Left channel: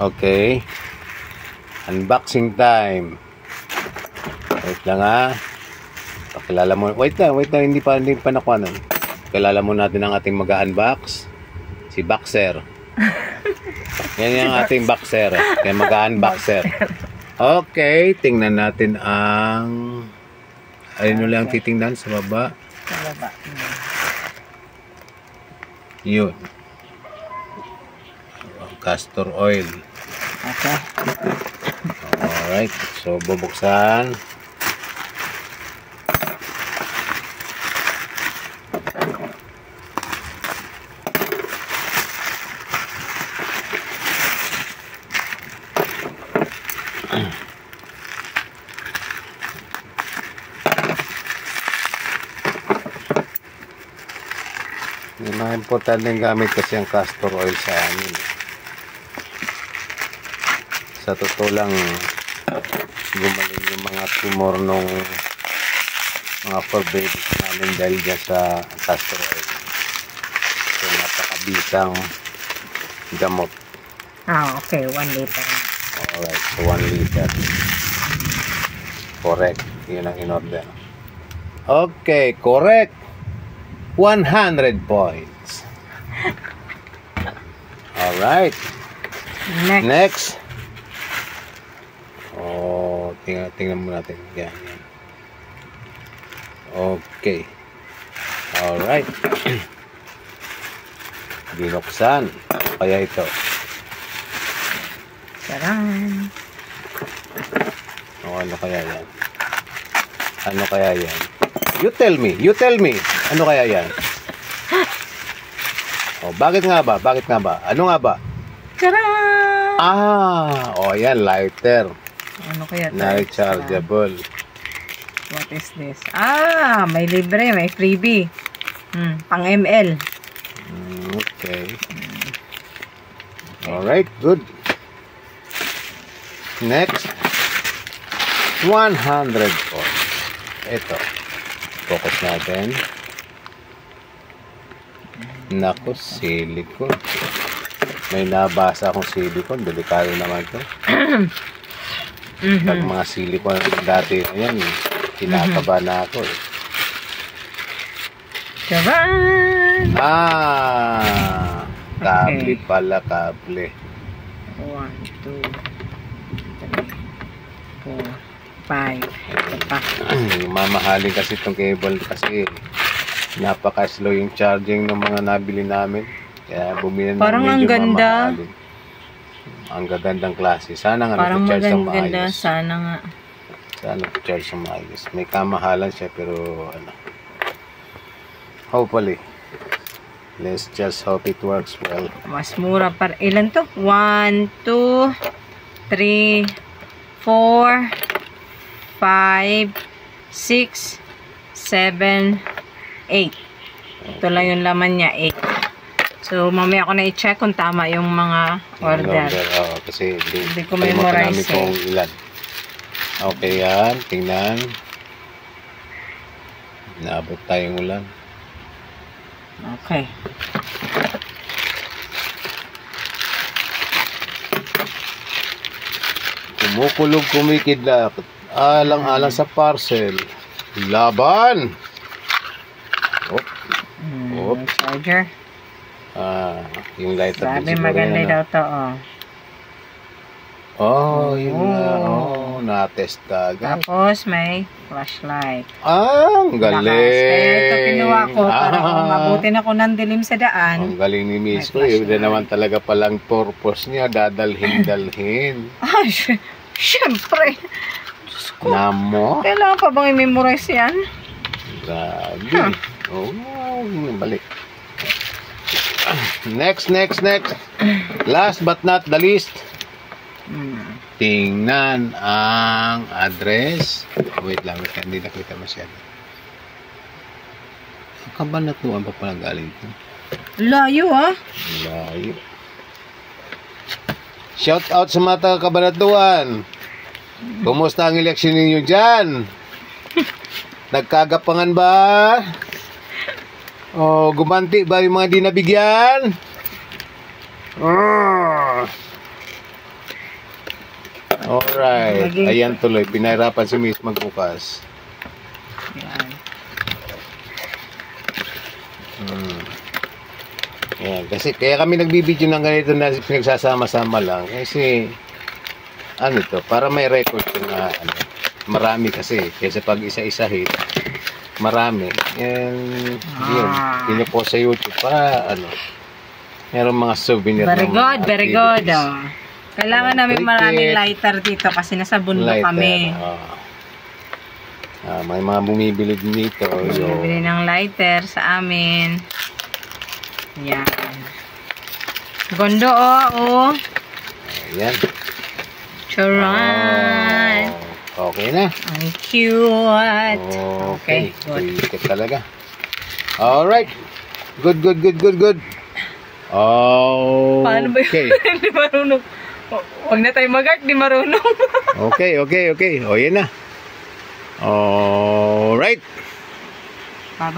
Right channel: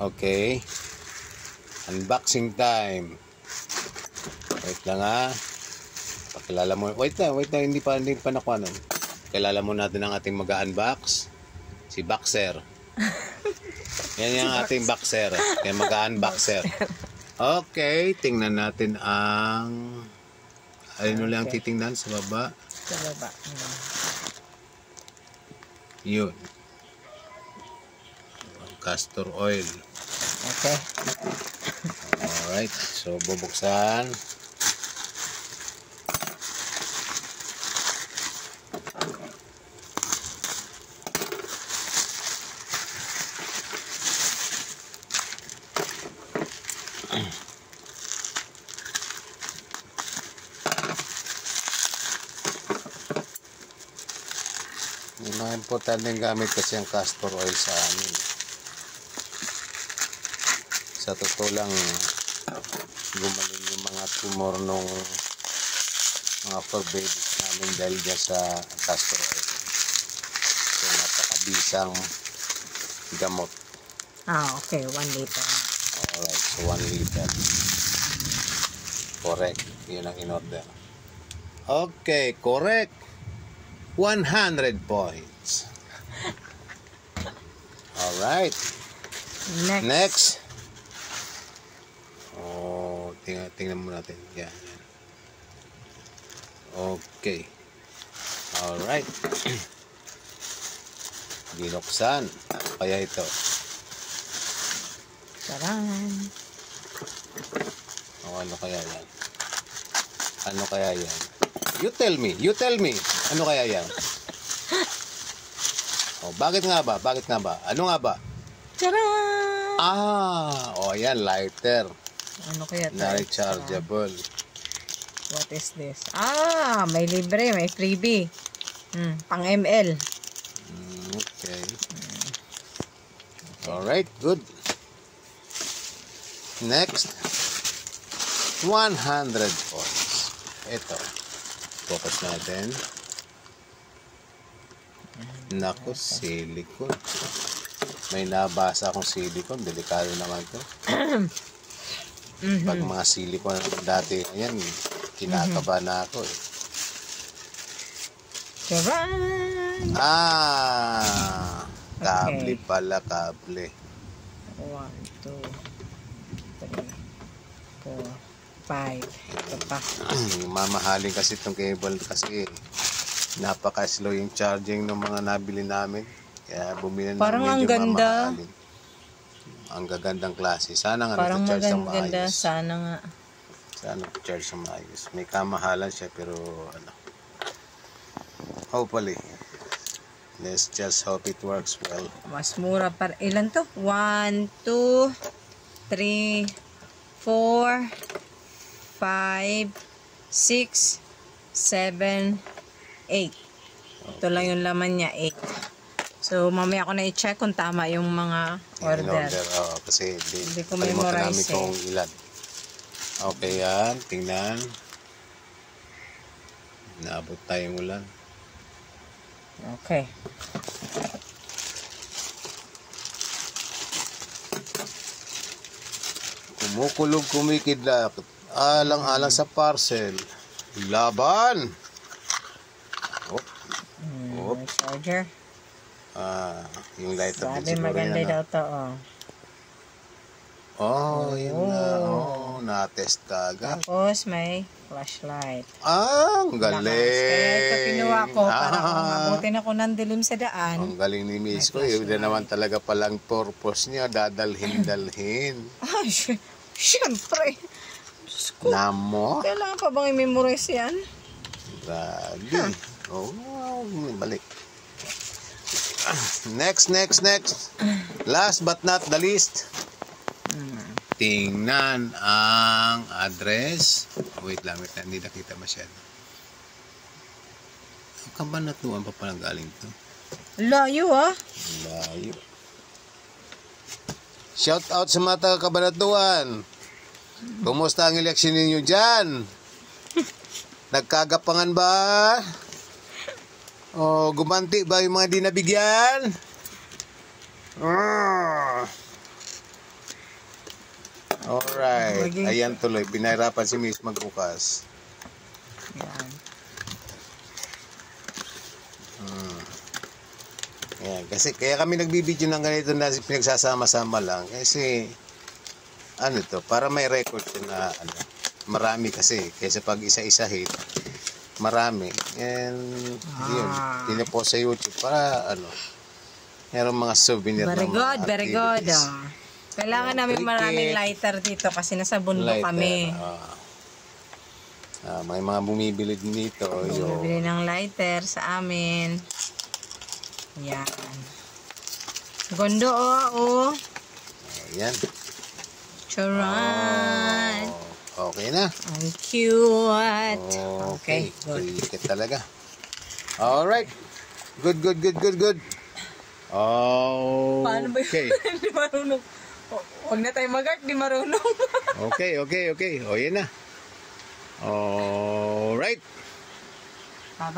Okay. Unboxing time. Wait lang ha. Pakilala mo. Wait lang. Hindi pa nakuha nun. Pakilala mo natin ang ating mag-unbox. Si Boxer. Yan yung ating Boxer. Kaya mag-unboxer. Okay. Tingnan natin ang... Ayun ulit ang titingnan sa baba. Sa baba. Yun. Castor oil. Okay. Alright. So, bubuksan. Yung mga importanteng gamit kasi ang castor oil sa amin. Sa totoo lang, gumaling yung mga tumor nung mga fur babies namin dahil dyan sa castor oil. So, napakabisang gamot. Okay. 1 liter. Alright, so 1 liter. Correct. Yun ang in-order. Okay, correct. 100 points. Alright. Next. Oh, tingnan mo natin. Yan. Okay. Alright. Binuksan. Kaya ito. Taran. Oh, ano kaya yan? Ano kaya yan? You tell me. Ano kaya yan? Oh, bakit nga ba? Ano nga ba? Taran! Oh, yan, lighter. Ano kaya ito? Na rechargeable. What is this? May libre, may freebie. Pang ML. Okay. Alright, good. Next. 100 points. Ito. Focus natin. Naku, silicone. May nabasa akong silicone. Delikado naman ito. Pag mga silicone dati na yan, kinakaba na ako eh. Taran! Kable pala, kable. 1, 2, 3, 4, 5. Ito pa. Mamahalin kasi itong cable kasi napaka-slow yung charging ng mga nabili namin. Kaya bumili na parang ang ganda. mamahalin. Ang gagandang klase. Sana nga parang nag-charge ng maganda. maayos. Sana nga. Sana nag-charge ng maayos. May kamahalan siya pero ano. Hopefully. Let's just hope it works well. Mas mura para. Ilan to? 1, 2, 3, 4, 5, 6, 7, 8. Ito lang yung laman niya, 8. So, mamaya ko na i-check kung tama yung mga order. Kasi hindi ko memorize kung ilan. Okay yan. Tingnan. Naabot tayong ulan. Okay. Kumukulog, kumikidlap. Alang-alang sa parcel. Laban! Charger. Yung lighter. Sabi maganda daw to, yun nga. Na-test ka agad. Tapos may flashlight. Ang galing! Kaya ito kinuha ko para kung mabutin ako ng dilim sa daan. Ang galing ni Miss ko. Yun na naman talaga palang purpose niya. Dadalhin. Siyempre. Namo? Kailangan pa bang i-memorize yan? Grabe. Balik. Next. Last but not the least. Tingnan ang address. Wait lang. Hindi nakita masyado. Ang Kabanatuan pa pala galing ito. Layo Layo. Shout out sa mga taga Kabanatuan. Kumusta ang eleksyon ninyo dyan? Nagkagapangan ba? O gumanti ba yung mga di nabigyan? Alright. Maging- Ayan tuloy. Pinahirapan si Miss magbukas. Yan. Ayan. Kasi kaya kami nagbibideo ng ganito na pinagsasama-sama lang. Kasi ano to, para may record yung ano, marami kasi. Kaysa pag isa-isa hit, marami. And yun, pinupost sa YouTube para ano, meron mga souvenir. Very ng good, very good. activities. Oh. Kailangan namin Cricket. maraming lighter dito kasi nasa bundok Lighter, kami. may mga bumibili dito. So, Bibili ng lighter sa amin. Yan. Gondo oh. ayan. Charan. Okay na. Ang cute. Okay. Good. Cricket talaga. Alright. Good. Paano ba Okay. yun? Hindi marunong. Huwag na tayo mag-art, di marunong. Okay. O, yan na. Alright. Bye-bye.